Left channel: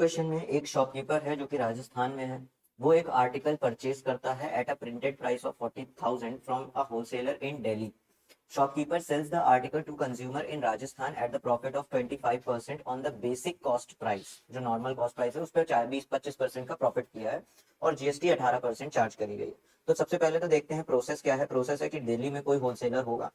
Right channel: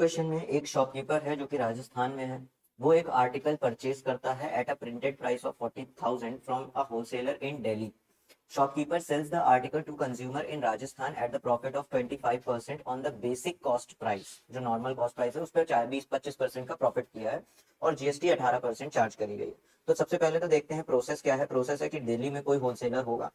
Question में एक shopkeeper है जो कि राजस्थान में है। वो एक आर्टिकल परचेज करता है at a printed price of 40,000 from a wholesaler in Delhi. Shopkeeper sells the article to consumer in Rajasthan at the profit of 25% on the basic cost price. जो नॉर्मल कॉस्ट प्राइस है उस पर 20-25% का प्रॉफिट किया है और जीएसटी 18% चार्ज करी गई है। तो सबसे पहले तो देखते हैं प्रोसेस क्या है। प्रोसेस है कि दिल्ली में कोई होलसेलर होगा,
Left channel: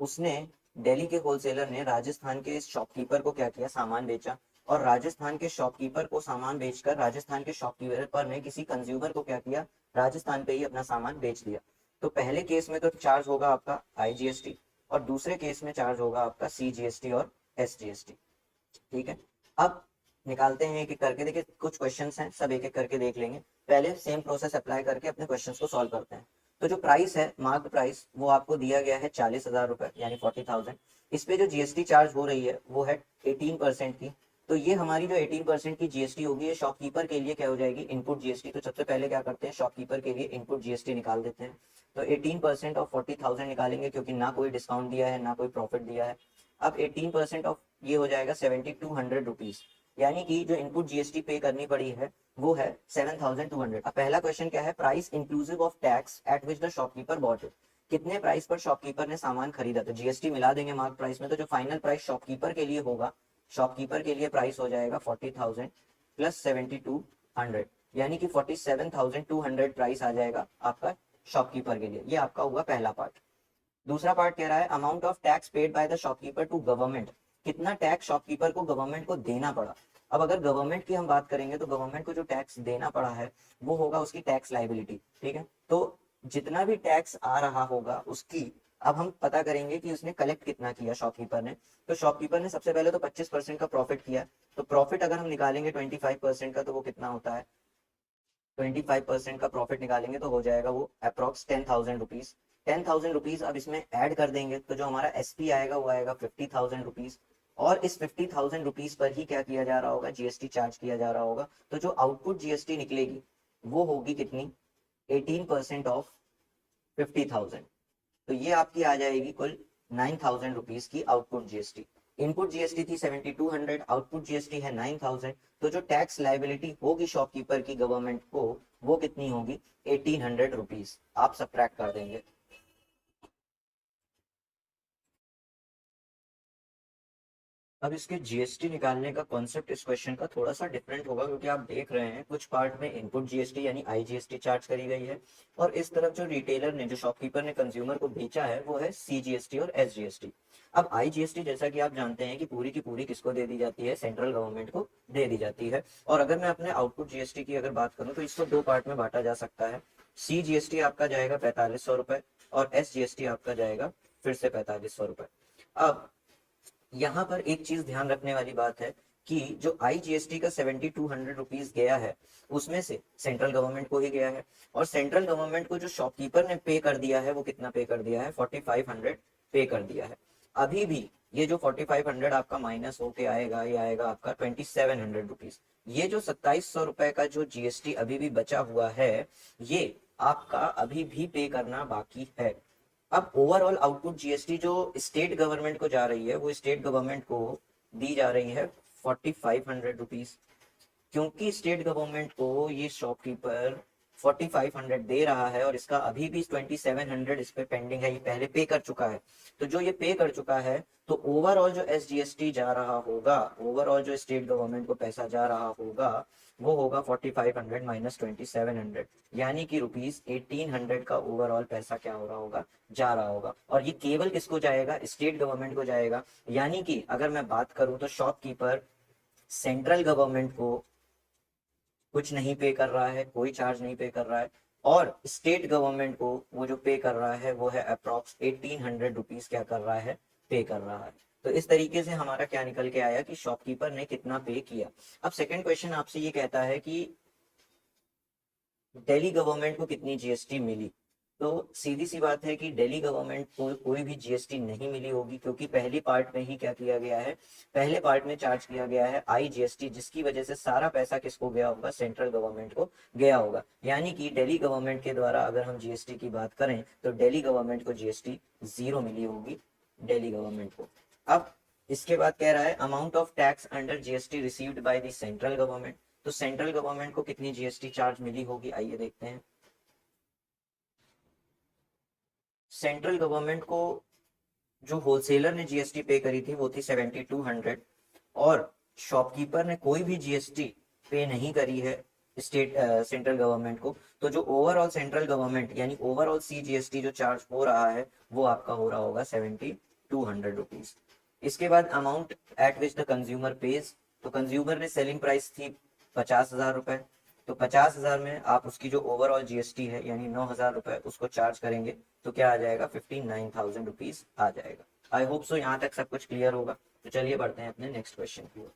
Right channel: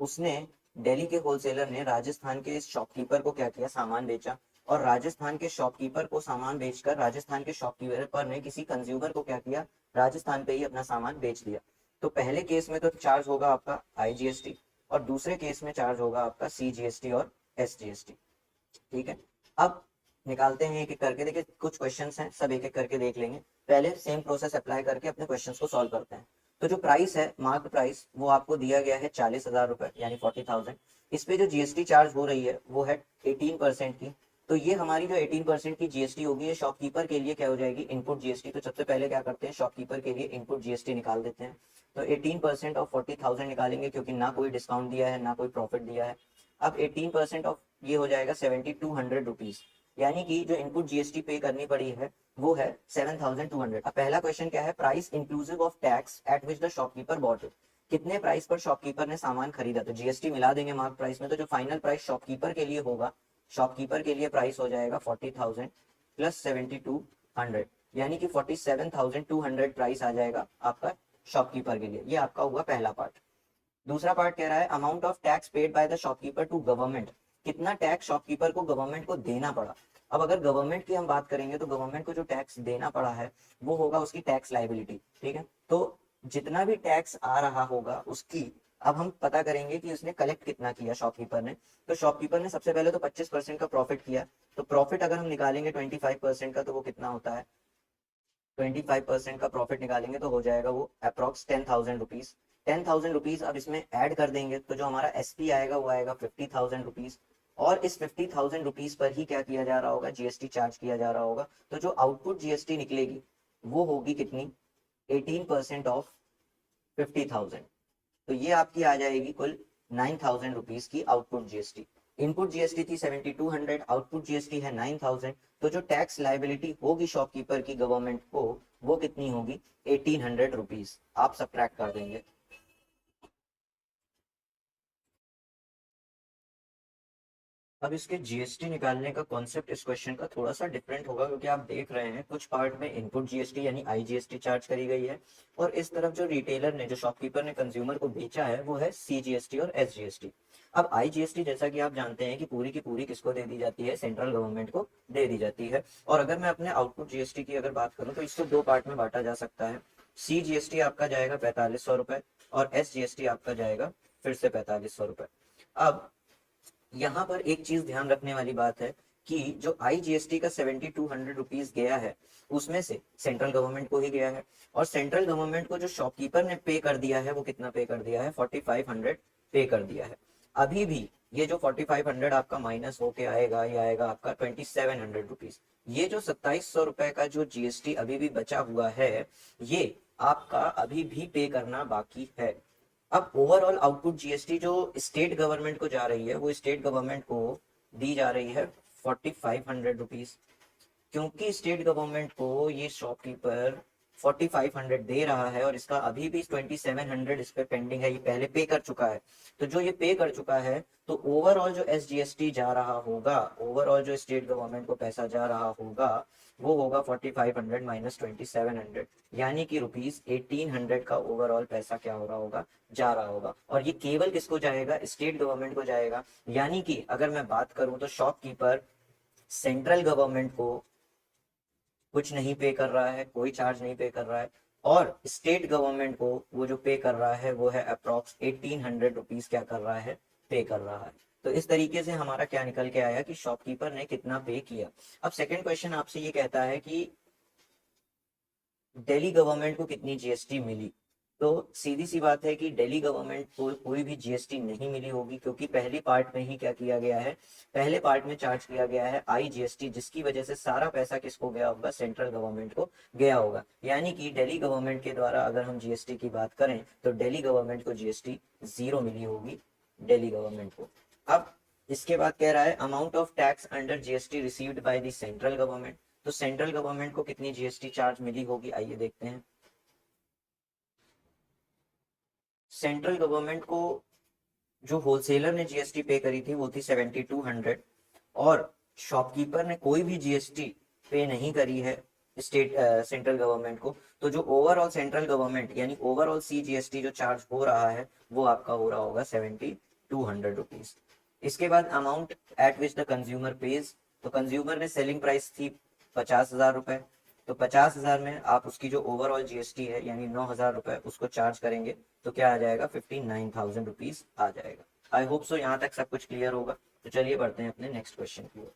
उसने दिल्ली के होलसेलर ने राजस्थान के शॉपकीपर को क्या किया, सामान बेचा। और राजस्थान के शॉपकीपर को सामान बेचकर राजस्थान के शॉपकीपर ने किसी कंज्यूमर को क्या किया, राजस्थान पे ही अपना सामान बेच दिया। तो पहले केस में तो चार्ज होगा आपका आईजीएसटी और दूसरे केस में चार्ज होगा आपका सीजीएसटी और एसजीएसटी। ठीक है, अब निकालते हैं एक एक करके। देखिए कुछ क्वेश्चंस हैं, सब एक एक करके देख लेंगे। पहले सेम प्रोसेस अप्लाई करके अपने क्वेश्चंस को सॉल्व करते हैं। तो जो प्राइस है, मार्क प्राइस, वो आपको दिया गया है 40,000 रुपए यानी 40,000। इस पे जो जीएसटी चार्ज हो रही है वो है 18% की। तो ये हमारी जो 18% की जीएसटी होगी ये शॉपकीपर के लिए क्या हो जाएगी, इनपुट जीएसटी। तो सबसे पहले क्या करते हैं, शॉपकीपर के लिए इनपुट जीएसटी निकाल देते हैं। तो 18% ऑफ 40,000 निकालेंगे क्योंकि ना कोई डिस्काउंट दिया है ना कोई प्रॉफिट दिया है। अब 18% ऑफ ये हो जाएगा 7200 रुपीज, यानी कि जो इनपुट जीएसटी पे करनी पड़ी है वो है 7200। अब पहला क्वेश्चन क्या है, price inclusive of tax at which the shopkeeper bought it. कितने प्राइस पर शॉपकीपर ने सामान खरीदा। तो जीएसटी मिला देंगे मार्क प्राइस में, तो जो फाइनल प्राइस शॉपकीपर के लिए होगा, शॉपकीपर के लिए प्राइस हो जाएगा 40,000 प्लस 7200, यानी कि 47,200 प्राइस आ जाएगा आपका शॉपकीपर के लिए। ये आपका हुआ पहला पार्ट। दूसरा पार्ट कह रहा है amount of tax paid by the shopkeeper to government. कितना टैक्स शॉपकीपर को गवर्नमेंट को देना पड़ा। अब अगर गवर्नमेंट की हम बात करेंगे तो गवर्नमेंट को जो टैक्स देना पड़ा है वो होगा उसकी टैक्स लाइबिलिटी। ठीक है, तो जितना भी टैक्स आ रहा होगा उसकी अब हम पता करेंगे कि उसने कलेक्ट कितना किया शॉपकीपर ने। तो शॉपकीपर ने सबसे पहले तो 25% का प्रॉफिट किया। तो प्रॉफिट अगर हम निकालेंगे 25% का तो वो कितना होता है, 25% का प्रॉफिट निकालेंगे तो हो जाएगा वो अप्रॉक्स 10,000 रुपीज। 10,000 रुपीज अब इसमें ऐड कर देंगे तो जो हमारा एसपी आएगा वो आएगा 50,000 रुपीज। और इस 50,000 रुपीज पर ही क्या किया जा रहा होगा, जीएसटी चार्ज किया जा रहा होगा। तो जो आउटपुट जीएसटी निकलेगी वो होगी कितनी, 18% ऑफ 50,000। तो ये आपकी आ जाएगी कुल 9,000 रुपीज की आउटपुट जीएसटी। इनपुट जीएसटी थी 7200, आउटपुट जीएसटी है 9,000। तो जो टैक्स लाइबिलिटी होगी शॉपकीपर की गवर्नमेंट को वो कितनी होगी, 1800 रुपीज। आप सब्ट्रैक्ट कर देंगे। अब इसके जीएसटी निकालने का कॉन्सेप्ट इस क्वेश्चन का थोड़ा सा डिफरेंट होगा, क्योंकि आप देख रहे हैं कुछ पार्ट में इनपुट जीएसटी यानी आईजीएसटी चार्ज करी गई है और इस तरफ जो रिटेलर ने, जो शॉपकीपर ने कंज्यूमर को बेचा है वो है सीजीएसटी और एसजीएसटी। अब आईजीएसटी जैसा कि आप जानते हैं कि पूरी की पूरी किसको दे दी जाती है, सेंट्रल गवर्नमेंट को दे दी जाती है। और अगर मैं अपने आउटपुट जीएसटी की अगर बात करूं तो इसको दो पार्ट में बांटा जा सकता है। सीजीएसटी आपका जाएगा 4500 रुपए और एसजीएसटी आपका जाएगा फिर से 4500 रुपए। अब यहाँ पर एक चीज ध्यान रखने वाली बात है कि जो आईजीएसटी का 7200 रुपीज गया है उसमें से सेंट्रल गवर्नमेंट को ही गया है और सेंट्रल गवर्नमेंट को जो शॉपकीपर ने पे कर दिया है वो कितना पे कर दिया है, 4500 पे कर दिया है। अभी भी ये जो 4500 आपका माइनस होके आएगा, ये आएगा आपका 2700 रुपीज। ये जो 2700 रुपए का जो जीएसटी अभी भी बचा हुआ है ये आपका अभी भी पे करना बाकी है। अब ओवरऑल आउटपुट जीएसटी जो स्टेट गवर्नमेंट को जा रही है वो स्टेट गवर्नमेंट को दी जा रही है 4500 रुपीज। क्योंकि स्टेट गवर्नमेंट को ये शॉपकीपर 4500 दे रहा है और इसका अभी भी 2700 इस पे पेंडिंग है, ये पहले पे कर चुका है। तो जो ये पे कर चुका है तो ओवरऑल जो एसजीएसटी जा रहा होगा, ओवरऑल जो स्टेट गवर्नमेंट को पैसा जा रहा होगा वो होगा 4500 माइनस 2700, यानी कि रुपीज 1800 का ओवरऑल पैसा क्या हो रहा होगा, जा रहा होगा। और ये केवल किसको जाएगा, स्टेट गवर्नमेंट को जाएगा। यानी कि अगर मैं बात करूं तो शॉपकीपर सेंट्रल गवर्नमेंट को कुछ नहीं पे कर रहा है, कोई चार्ज नहीं पे कर रहा है। और स्टेट गवर्नमेंट को वो जो पे कर रहा है वो है अप्रॉक्स 1800 रुपीज क्या कर रहा है, पे कर रहा है। तो इस तरीके से हमारा क्या निकल के आया कि शॉपकीपर ने कितना पे किया। अब सेकंड क्वेश्चन आपसे ये कहता है कि दिल्ली गवर्नमेंट को कितनी जीएसटी मिली। तो सीधी सी बात है कि दिल्ली गवर्नमेंट को कोई भी जीएसटी नहीं मिली होगी, क्योंकि पहली पार्ट में ही क्या किया गया है, पहले पार्ट में चार्ज किया गया है आईजीएसटी, जिसकी वजह से सारा पैसा किसको गया होगा, सेंट्रल गवर्नमेंट को गया होगा। यानी कि दिल्ली गवर्नमेंट के द्वारा अगर हम जीएसटी की बात करें तो दिल्ली गवर्नमेंट को जीएसटी 0 मिली होगी, दिल्ली गवर्नमेंट को। अब इसके बाद कह रहा है amount of tax under GST received by the central government. तो सेंट्रल गवर्नमेंट को कितनी जीएसटी चार्ज मिली होगी, आइए देखते हैं। सेंट्रल गवर्नमेंट को जो होलसेलर ने जीएसटी पे करी थी वो थी 7200, और शॉपकीपर ने कोई भी जीएसटी पे नहीं करी है स्टेट सेंट्रल गवर्नमेंट को। तो जो ओवरऑल सेंट्रल गवर्नमेंट यानी ओवरऑल सीजीएसटी जो चार्ज हो रहा है वो आपका हो रहा होगा 7200 रुपीज। इसके बाद amount at which the consumer page. तो कंज्यूमर ने सेलिंग प्राइस थी 50,000 रुपए, तो 50,000 में आप उसकी जो ओवरऑल जीएसटी है यानी 9,000 रुपए उसको चार्ज करेंगे तो क्या आ जाएगा, 59,000 रुपीज आ जाएगा। आई होप सो यहाँ तक सब कुछ क्लियर होगा। तो चलिए बढ़ते हैं अपने नेक्स्ट क्वेश्चन की ओर।